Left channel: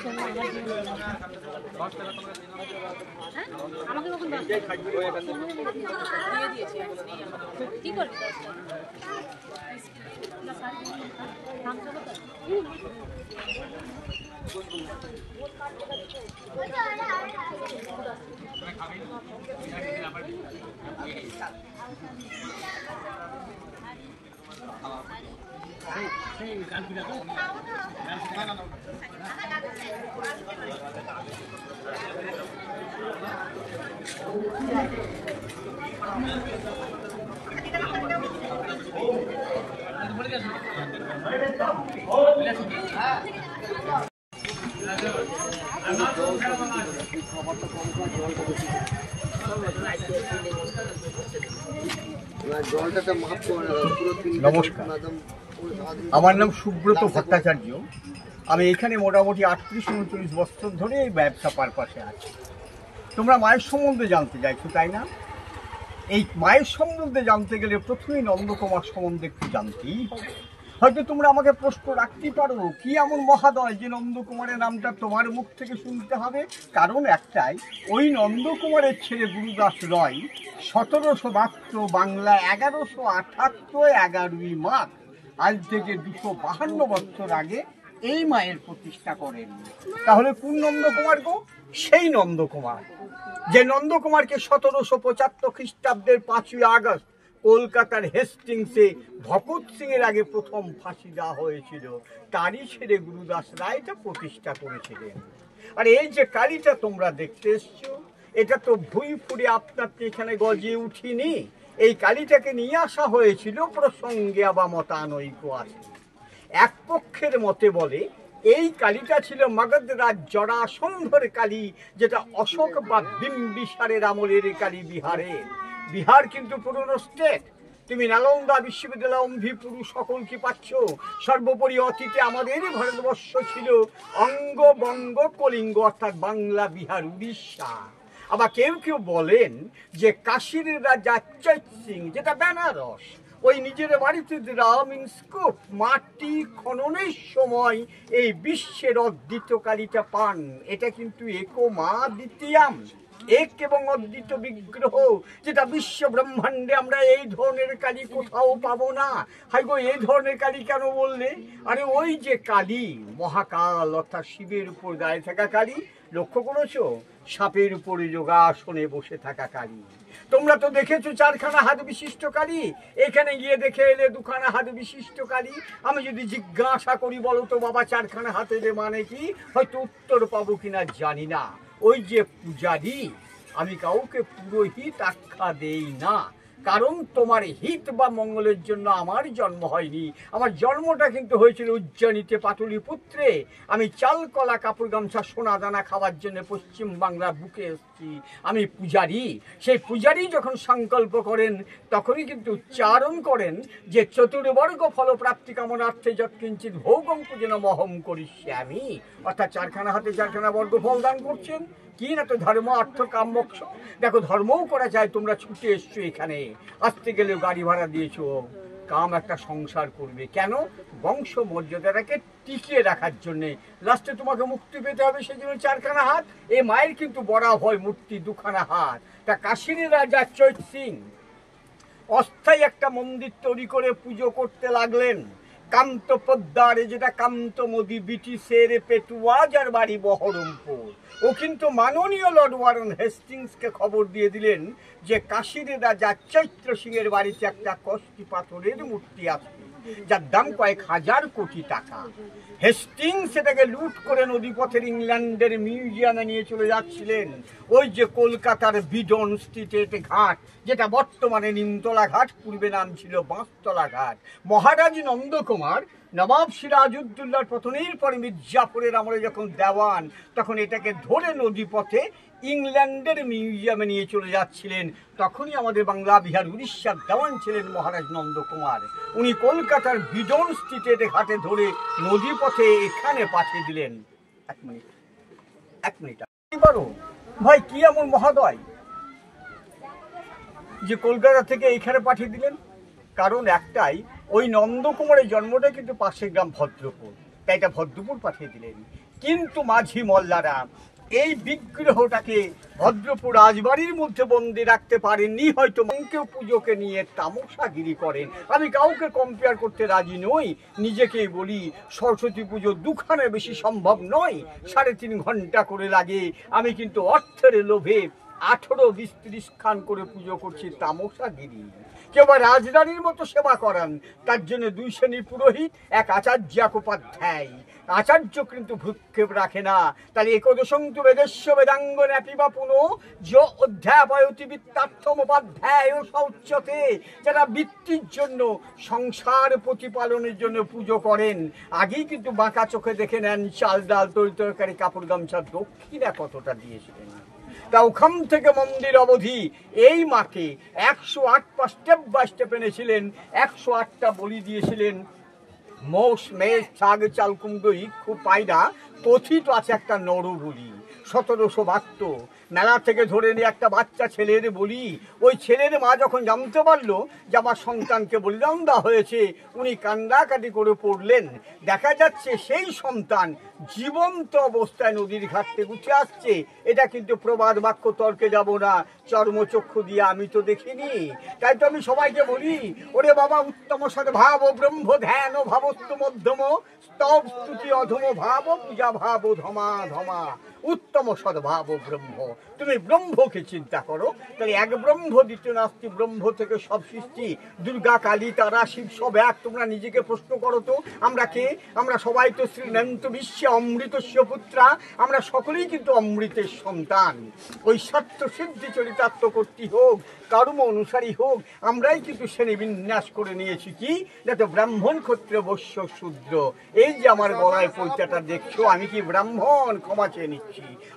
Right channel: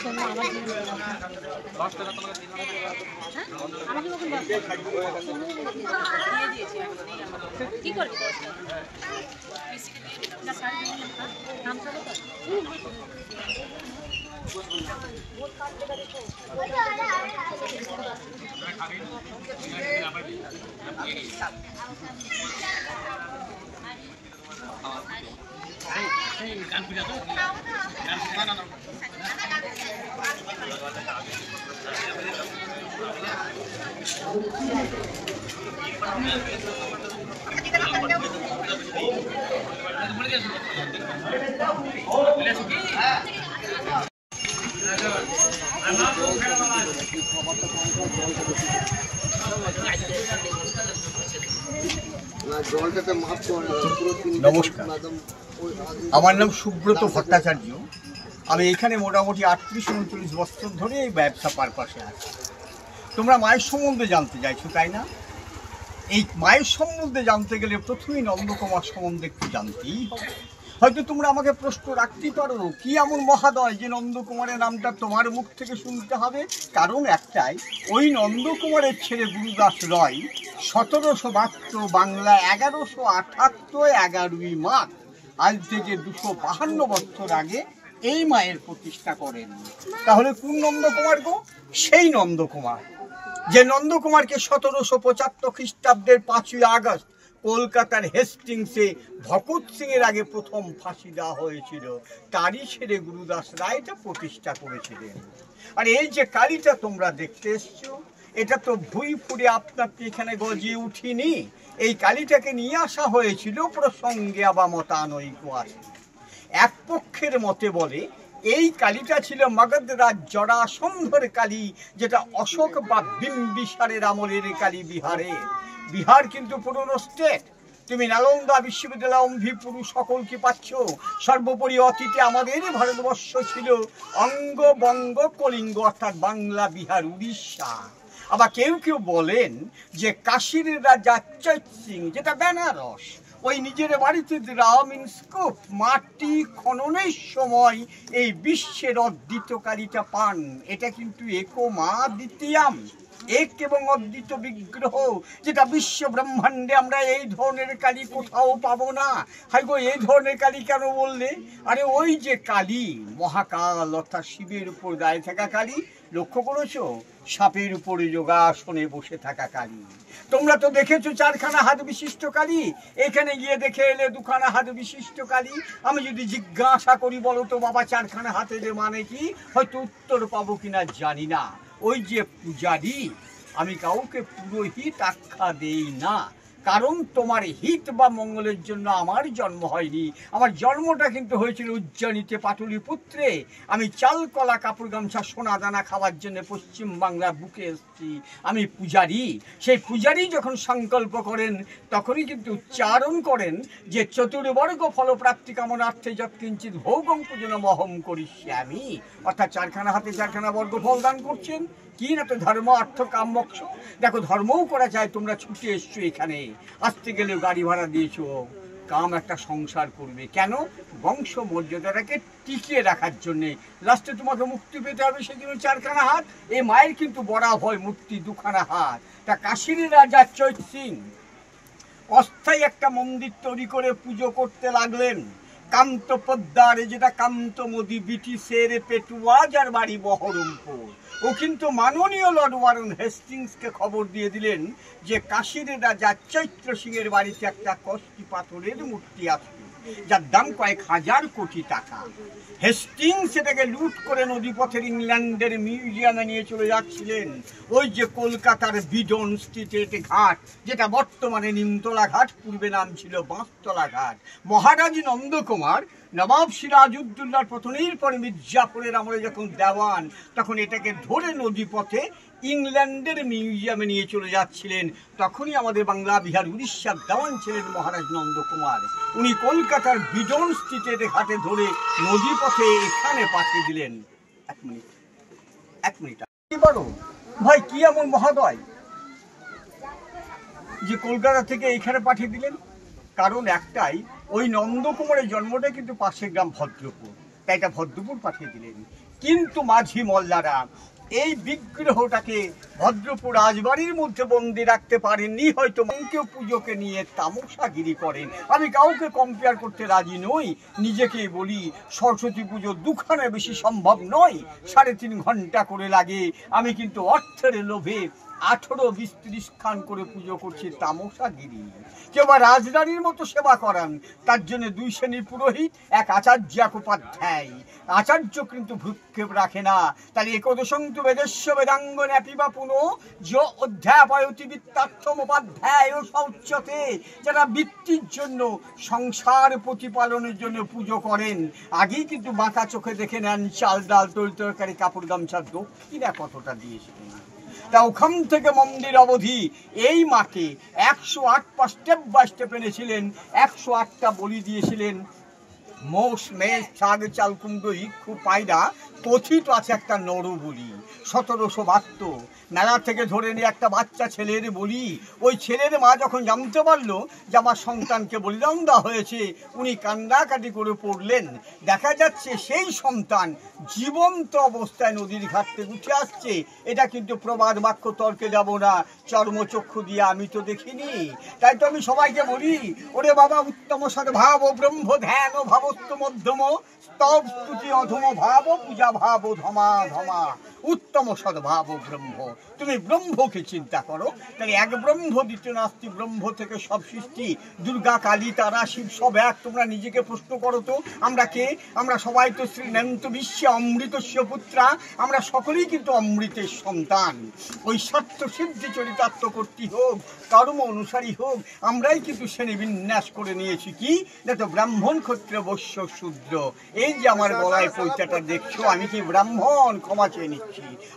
শোনো আমার জীবনে দিয়ে দিয়েছি কি করবি নাম চলো তো নমস্কার, আমার নাম সুব্রত ভট্টাচার্য। আমি এখানে মোটামুটি 38-39 বছর ধরে এই ব্যবসা পারপাসে আছি। তোমরা মায়ের সম্বন্ধে জানতে চাইছো, তাই না? এই মায়ের সম্বন্ধে জানতে গেলে প্রথমেই নন্দকুমার সম্বন্ধে একটু জানতেই হবে। হয়তো তোমরা আমাকে প্রশ্ন রাখতেই পারো, কি এমন মহাদয় যে নন্দকুমারের নামটা তোমার মুখ থেকে শুনতে হবে? কারণ একটাই, ওই নন্দকুমারের ছেলে গুরুদাস রয় 1772 বাংলা 1178 11ই মাঘ, আজ থেকে 252 বছর আগে এই মায়ের প্রতিষ্ঠা করেন। তাহলে কোন নন্দকুমার গো? সেই নন্দকুমার যে নন্দকুমারকে 1775 খ্রিস্টাব্দের 5ই আগস্ট কলকাতার হেস্টিংসে ভগৎ সিং এর আগে প্রথম ফাঁসি দেওয়া হয়েছিল, তারই ছেলে গুরুদাস রায় এটা প্রতিষ্ঠা করেছিলেন। আর এই যে কালীটা তোমরা দেখতে এসছো, এটা তো ভুঁই ফুড়ে আপনার এখানে গজে উঠিনি। এই কালীটাকে নিয়ে আসা হয়েছিল প্রসঙ্গে বা মতানৈক্য আছে। এক পক্ষের মতে বলে এই কালীটা ছিল মগধরাজ জরাসন্ধর কালী, যেটা অশোক বা বিম্বিসারের আমলের কালী বিহারের। বিহার কিন্তু পুরনো স্টেট। তুমি নালন্দা বিশ্ববিদ্যালয় অম্ভিপুরু সকল কি পাচ্ছ? সর্বোপরি অতীতে আমাদের ভারতবর্ষ ছিল অঙ্গ বঙ্গ কলিঙ্গ, অর্থাৎ বাংলা বিহার উড়িষ্যা। আবার কেউ কেউ বলেন যে কাশীর রাজা চৈত সিং, যেটা বেনারস, ওই নিজের বাড়িতে রামিনস্কোপ মাটি খননের সময় এই বিশ্বের অদ্বিত কালীটা পান। এটা কিন্তু একো মা দ্বিতীয়াম, এক এবং অদ্বিত বিগ্রহ, যেটা বিশ্ব ব্রহ্মাণ্ডে আমরা এই ধরনের কালী কোথাও পাবো না। হাই গো, এই ধরনের কালী কেন বললে? আরে ওই যে কালী মহাকাল, অর্থাৎ শিবের উপর দাঁড়িয়ে থাকা কালী, লক্ষ্য করেছো? সাপের উপরে যোগাসনে বসে থাকা কালী। তোমরা তো দেখেছো 4খানা হাত বিশিষ্ট কালী, এখানে গিয়ে দেখে এলে 2খানা হাত বিশিষ্ট কালী। আমি যদি জিজ্ঞাসা করি, বলো তো বাবা 4খানা হাতের মানে কি, হয়তো উত্তর পাবো কিনা জানি না। ওই যে পূজারী, আমি কাউকে পুরোহিত আখ্যা দেই না, কারণ তোমার হিত বা মঙ্গলের জন্য আমার জন্ম হয়নি। আমার জন্মটা কিন্তু হয়েছিল উজ্জয়িনীতে পাটলিপুত্রে। আমি চাল কলা কাপড় গামছা সোনা দানা খাওয়ার জন্য পশ্চিম বাংলার বুকে এসেছি। আমি পূজারী। সেই পূজারী যখন সংকল্প করেন, তখনই কিন্তু উচ্চারণ করেন যে চতুর্বর্গ ফলপ্রাপ্তি কামনার্থে যৎকিঞ্চিৎ ভোগং পূজন মহম করিষ্যামি, অর্থাৎ 4খানা হাতে 4খানা বর্গ ফল দান করছেন। কি না তো ধর্ম, অর্থ, কাম, মোক্ষ। দেখো, ধর্মও করা যায়, তোমরা ছুটে এসছো এখানে, আসতে গেলেও গাড়ি ভাড়া দিয়েছো। কাম একটা সংসার করবে কেন? বংশ মর্যাদাটাকে টিকিয়ে রাখার জন্যে। লাস্টে তোমাকে মুক্তি পেতে হবে, সেজন্য 4খানা হাত। এ মায়ের কিন্তু বড়া হয় মূর্তি 2খানা হাত। তা কাশীর রাজা চৈত সিং অস্থায়ী একটা মন্দির তৈরি করে পুজো করতে লাগলেন কান্ত পদ্মারে, যেটা কান্তমদি ব্রিটিশের পেটুয়া, যার বাড়ি বহরমপুর। ও কিন্তু মাননীয় লর্ড ওয়ারেন হেস্টিংসকে খবর দিয়ে দিলেন যে কাশীর রাজা চৈত্র সিংয়ের বাড়িতে একটা কষ্টি পাথরের মূর্তি আছে, যার দাম কয়েক হাজার কোটি টাকা। হেস্টিংস সেটাকে লুট করে নদীপথের ইংল্যান্ডের মিউজিয়ামে নিয়ে চলে যাচ্ছিলেন। ওই যে কলকাতার বিডন স্ট্রিটের ঘাট, যেটা বর্তমানে নিমতলা ঘাট, পূর্বে নাম ছিল বাঁশতলা ঘাট। মহারাজ নন্দকুমার নবাব সিরাজউদ্দৌলার পতনের পরে মির্জাফরের আমলে যখন দেওয়ান, তখন এটাকে ধরে নদীপথে ইংল্যান্ডের মিউজিয়ামে নিয়ে চলে যাচ্ছিলেন। তখনই আমাদের বাংলা বিহার উড়িষ্যার দেওয়ান ছিলেন মহারাজ নন্দকুমার। উনি কলকাতার বিডন স্ট্রিটের ঘাটে ধরে নদীপথে এখানে পাঠিয়ে দিলেন। এক মিনিট পারো ভাই, কি এমন মহোদয় যে কলকাতা থেকে এইখানে পাঠিয়ে দিলেন? কারণ একটাই, ওই নন্দকুমারের জন্মটা কিন্তু পাশের গ্রাম ভদ্রপুর, তাই এটা ভদ্রপুর পাঠিয়ে দিলেন। কিন্তু মাঝি মোল্লারা এই বিগ্রহটাকে ভদ্রপুর রাজবাড়ির মধ্যে বন্দি রাখতে পারেননি, হয়তো কেউ পুজোকে নিয়ে তামসাগিরি করেন। আমি কাউকে কম্পেয়ার করতে রাজি নই, নিজেকেই বলি সরস্বতী পুজো দুখানে বেশি সম্ভব নয়, 3.5 ঘন্টা করে লাগে। আমি কিন্তু অর্থের লোভে 18, 20, 30 খান করে পুজো করছি, তামসাগিরি। কেউ বা রাজরানীর মতো সেবা করান, তার জন্য 2 শ্রেণীর পুরোহিত, এক আচার্য, এক উপাধ্যায়। আচার্য কিন্তু ভ্রুক্ষেপ রাখে না। তাহলে একদশন্তু বেদস্য বেদাঙ্গ ন্যাপিবা পুনঃ যো অধ্যাপয়তি বিত্তার্থম উপাধ্যায় ও শৌচ্যতে, যারা বৃত্তির জন্য, সংসার প্রতিপালনের জন্য পুজো করেন, আগেই কিন্তু বাঁকা চোখে দেখে নেন চাল ডাল তরি তরকারি কাপড় গামছা দক্ষিণা কতটা দিয়েছিলেন। তা ওখান থেকে মন্দির অবধি এই মাকে 108 পা স্টেপ বাই স্টেপ এনেছিলেন, 108টা বলি দিয়েছিলেন। মোষ, মেষ, ছাগ, চাল, কুমড়ো, ইক্ষু, পায়রা, কথিত আছে একটা নরবলি 1772। মেলা থেকে ধরে নিয়ে একটা বাচ্চা ছেলের বলি। ওই ছেলের মা যখন জানতে পারলো যে আমার সন্তানকে বলিদান দেওয়া হয়েছে, উনি কান্নাকাটি করে পড়লেন। দেখা যাচ্ছে সেই সন্তান জীবন্ত অবস্থায় নদীর ঘাট থেকে উঠে আসছে। এটা কিন্তু প্রবাদ বাক্য, তর্কে যাব না, চর্মচক্ষু দিয়ে আমি তো দেখিনি। তাই তো আমি সবাইকে বলি, ওরে বাবা, উত্তম সদ্ভাব ব্রহ্ম ধ্যান ভাবস্ত মধ্যম স্তব স্তুতি অধম ভাব পূজা ভাব ধমা ধমা। উত্তম সদ্ভাব ব্রহ্ম, তুমি ব্রহ্মকে চিন্তা করো। তাই এক ব্রহ্ম, দ্বিতীয় নাস্তি, ব্রহ্ম থেকে সব সৃষ্টি। দুর্গা, কালী, তারা, শিব সব এক। তোমরা নিজেকে প্রশ্ন করো তো, আমরা কে? আমরা সবাই তো শ্রীনন্ত বিশ্বে অমৃতস্য পুত্রা, আমরা সকলেই কিন্তু অমৃতের সন্তান। ওই সত্য সিদ্ধি চরিতার্থ কর্তী হোক, কর্ম অনুসারী হোক, আমরাই কিন্তু শ্রেণী বিন্যাস করে নিয়েছি কি, যাতে ব্রাহ্মণ, ক্ষত্রিয়, বৈশ্য, শূদ্র। এই যে আমার গলায় পৈতাটা দেখছো, আমি কি ব্রাহ্মণ? ক্ষমা চেয়ে নিচ্ছি।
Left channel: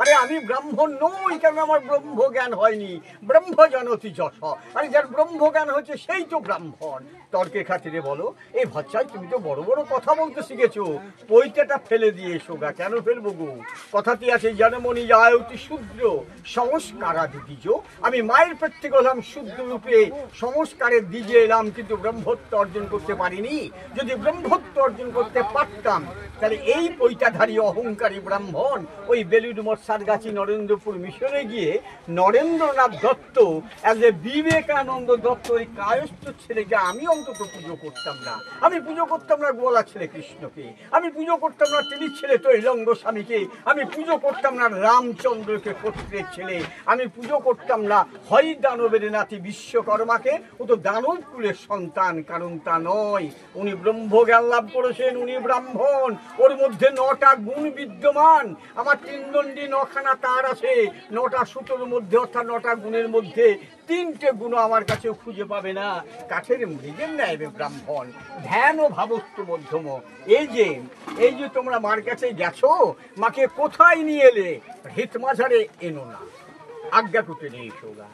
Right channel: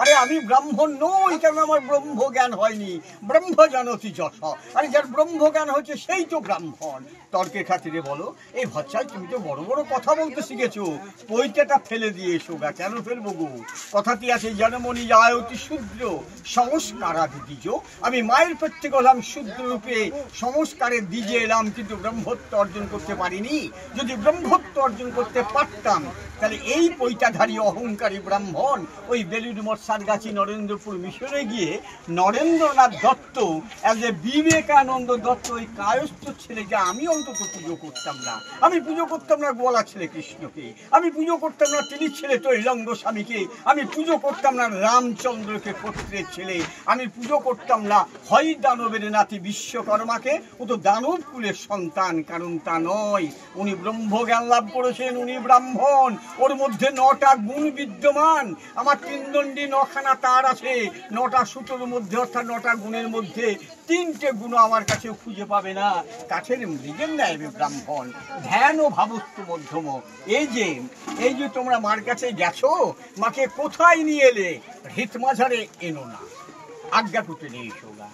আরে আমি ব্রাহ্মণ নই, কারণ আমার ব্রহ্ম জ্ঞান হয়নি। ব্রহ্ম জানতি যশ, আরে যার ব্রহ্ম জ্ঞান হচ্ছে সেই তো ব্রাহ্মণ। তর্কের খাতিরে বলো, এই ভচ্চাই তুমি তো বড় বড় কথা বলতে শিখেছো, পৈতাটা ফেলে দিয়ে এসো গা। কেন ফেলবো গো? কথাটি আছে, জনমনি যায় অতি শূদ্র সংস্কারাদিজ। আমি মায়ের পেট থেকে হলাম শূদ্র রূপে, সংস্কারের দিজে এলাম, কিন্তু ব্রহ্মত্ব অর্জন করতে পারিনি। যদি ব্রহ্মত্ব অর্জন করতে পারতাম, তাহলে এই পৈতাধারী অহংকারী ব্রাহ্মণ ওই বেলুড় মঠ, সারগাছি, নরেন্দ্রপুর মিশনে গিয়ে নরেন্দ্রনাথ দত্ত, অ্যাজ এ বিবেকানন্দ দত্ত, ওই কায়স্থ ছেলেকে আমি অন্তত পুজো করতাম না। আমি পুজো করতাম না গোয়ালা ছেলে কৃষ্ণকে, আমি পুজো করতাম না টিলির ছেলে তৈলঙ্গ স্বামীকে, আমি পুজো করতাম না রামচন্দ্রকে, ক্ষত্রের ছেলে, আমি পুজো করতাম না হয় দানবের নাতি বিশ্বকর্মাকে, ও তো দানব কুলের সন্তান। কারণ তা নয়, উনি ব্রহ্মজ্ঞান লাভ করেছেন, উনি ব্রাহ্মণ। ওর মধ্যে 9টা গুণ বিদ্যমান। আমার 3 দণ্ডী 9খানা তার আছে, 9টা সুতোর মধ্যে, অর্থাৎ 9টা গুণের মধ্যে 3টে গুণ আমার কাছে খুঁজে পাবে না। কাঠের মৃগের ন্যায় ব্রাহ্মণ, ধ্যান ও ভাবস্থ মধ্যম। এই যে তোমরা মার কাছে গেছো, মাকে কোথায় নিয়ে এলে? হিতমাঝারে এনো না, আজ্ঞাকুটে নিয়ে এসো গা।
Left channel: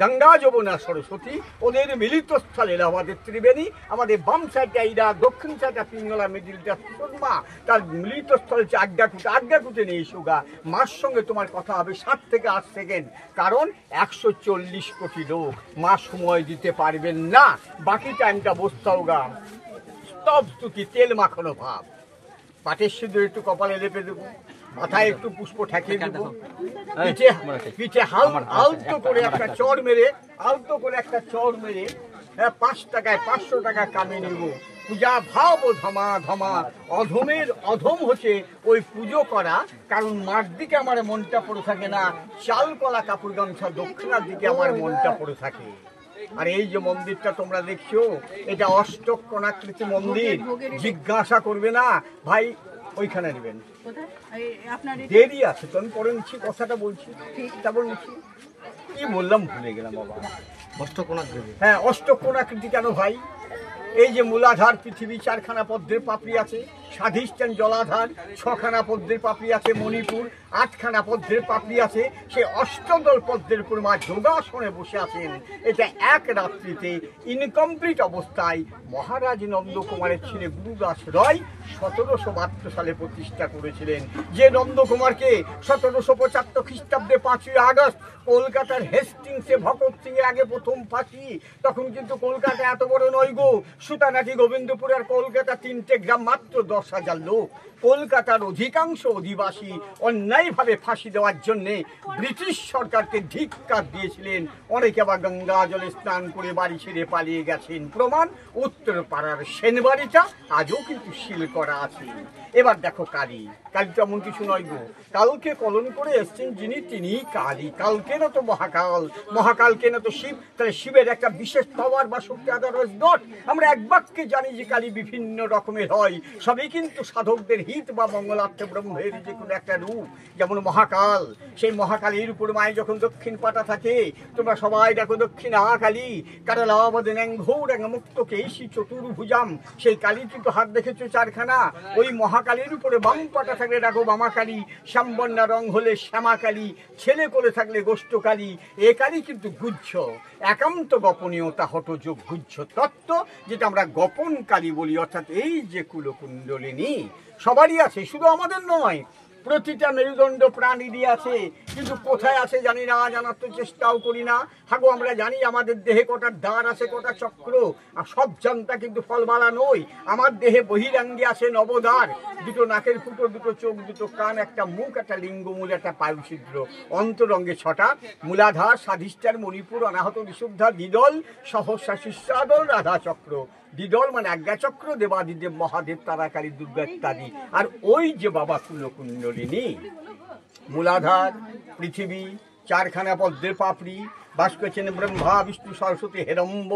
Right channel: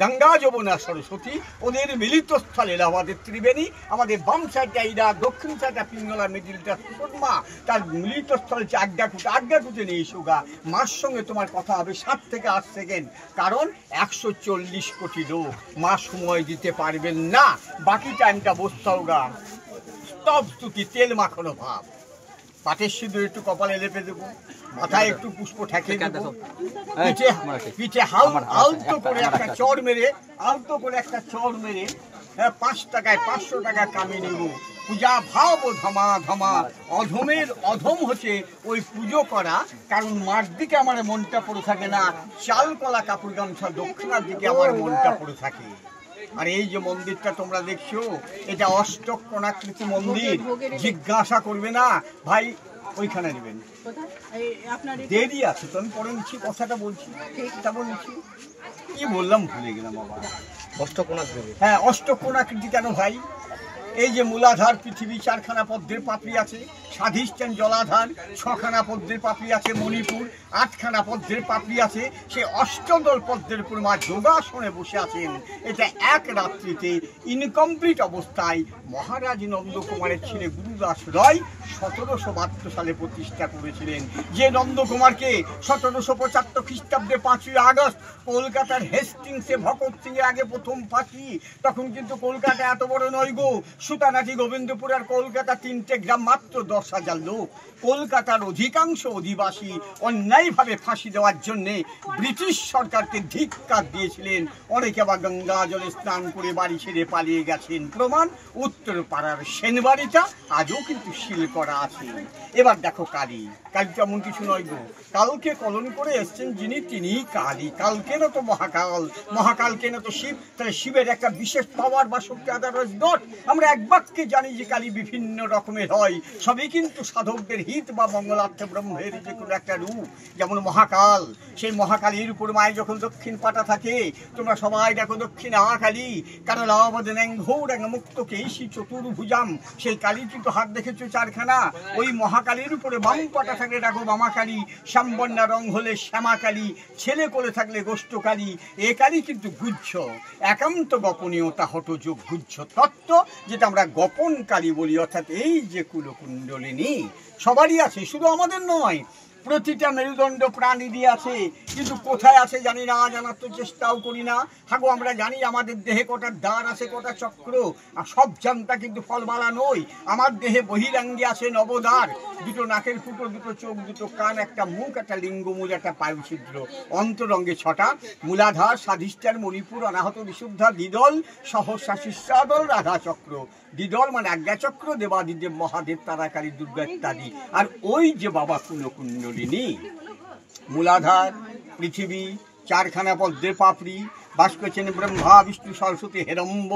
গঙ্গা, যমুনা, সরস্বতী, ওদের মিলিত স্থল এলাহাবাদের ত্রিবেণী। আমাদের বাম সাইডটা ইরাক, দক্ষিণ সাইডটা পিঙ্গলা, মিডিলটা সুরমা, তার মিলিত স্থল হচ্ছে আজ্ঞাকুটে। আজ্ঞাকুটে নিয়ে এসো গা। মার সঙ্গে তোমার কথা হবে 7 থেকে 8 সেকেন্ড, কারণ 140 কোটি লোক, মা সময় দিতে পারবেন না। বাকি টাইমটা বসতাও গা। স্তব স্তুতি, তেল মাখানো ভাব, পাটের সিঁদুর একটু কপালে লেপে দেবো, মাথায় একটু পুষ্প ঠেকিয়ে দেবো, পিঠে আলতো করে একটা চড় মেরে, 5 টাকায় 500 টাকা কামিয়ে নেব। পূজা ভাব ধমা ধমা। অধমের অধম হচ্ছে ওই পুজো করা, কারণ মার দিকে আমার মনটা পড়ে থাকে না, চাল কলা কাপড় গামছা দক্ষিণার দিকে আমার মনটা পড়ে থাকে। আর এই যে মন্দিরটা তোমরা দেখছো, এটা অষ্টকোণাকৃতি মন্দির। জিজ্ঞাসা করবে না ভাই ওইখানে নেবেন, দেরি আছে তো, আমি পরে নিচ্ছি, কথাটা বলছি, তারপর নিচ্ছি। কি বললাম ভুলে গেলাম বাবা। অষ্টকোণাকৃতি, হ্যাঁ অষ্টকোণাকৃতি কেন ভাই? এই যে মূলাধার পৃথিবী, 4খানা পদ্মের পাপড়ি আছে। স্বাধিষ্ঠান জলাধার, 6খানা পদ্মের পাপড়ি আছে। মণিপুর, 8খানা পদ্মের পাপড়ি আছে। সে অষ্টদল পদ্মের উপর মা যোগাসনে বসে আছেন। এটা এক রাত্রিতে ইনকমপ্লিট অবস্থায় মহারাজ নন্দকুমারের ছেলে গুরুদাস রয় 1772 সালে প্রতিষ্ঠা করেছিলেন। যে নন্দকুমারকে 1775 খ্রিস্টাব্দে 5ই আগস্ট কলকাতার হেস্টিংসে ভগৎ সিং এর আগে প্রথম ফাঁসি। তখন কিন্তু কলকাতা এত বড় নয় গো, সুতানাটি, গোবিন্দপুর আর কলকাতা 3টে গ্রাম, মাত্র 10 হাজার লোক কলকাতার অধিকাংশ অধিবাসী অন্যায়ভাবে ফাঁসি দেওয়ার জন্যে ব্রিটিশ সরকারকে ধিক্কার দিয়েছিলেন। অনেকে আবার গঙ্গা জলে স্নান করে বাড়ি ছেড়ে পালিয়ে গেছেন। প্রমাণ উত্তরপাড়ার সেনবাড়িটা আজও কিন্তু সিল করা আছে। এবার দেখো কালী, কালী তেমন কিছু নয় গো, কালকে কলন করে এসছেন যিনি তিনি কালী। কালকে না তো মহাকাল, মহাকালকে না তো শিব, তাহলে শিবের একটা বিশেষ পাওয়ার বা শক্তি আদারস ডট। আমরা এক বাক্যে জানি যে কালী বিভিন্ন রকমের হয়, সবই কিন্তু সাধকদের হিত বা মঙ্গলার্থে ব্রহ্মের যে কোনো একটা রূপ। যেমন মহাকাল, সেই মহাকালীর উপর মায়ের যখন দক্ষিণ পাটা থাকে, তোমরা সবাই দেখো দক্ষিণ কালী কারালাবদনেং ঘোরং মুক্ত কেশি চতুর্ভুজাম, সেই কালী কিন্তু হাত দেখেছো চারখানা। ওই মহাকালীর উপরে বাম পাটা থাকলে দেখো বামাকালী, শ্যামবর্ণা রং হলে শ্যামাকালী, ছেলে করে থাকলে গোষ্ঠকালী। এ কালী কিন্তু গুহ্য, একান্ত গোপনীয়তা হঠযোগ গুহ্য তত্ত্ব, যেটা আমরা গোপন কালী বলি। অর্থাৎ এই যে কুলকুণ্ডলিনী সবারই আছে, শুধু আমাদের নয়, প্রতিটা মেরুদণ্ড প্রাণীরই আছে, কিন্তু কোথায় আছে জানি না, জানার তো চেষ্টাও করি না। হাগো আমরা জানি আমাদের দেহে কটা দ্বার আছে, কটা চক্র, আর সব জানতা কিন্তু ফলমালা নই। আমার দেহে বহিরাঙ্গে আছে নবদ্বার, দুটো নাকের ফুটো, দুটো চোখ, দুটো কান, একটা মুখ, একটা লিঙ্গমূল, একটা পায়ুছিদ্র। অন্তরঙ্গে ছটা, মূলাধার, স্বাধিষ্ঠান, মণিপুর, অনাহত, বিশুদ্ধা, দ্বিদল, সহস্রা, শিষ্যাদল, রাধা চক্র। দ্বিদল মানে আজ্ঞাচক্র, দেবাদিদেব, মহাদেব, তারাকালী, দুর্গা ইত্যাদি। আর ওই যে বাবা কুলকুণ্ডলিনী, মূলাধার পৃথিবী, চারখানা পদ্মের পাপড়ি, বাস করছেন ব্রহ্মা, বিষ্ণু, সরস্বতী, হেরম্ব।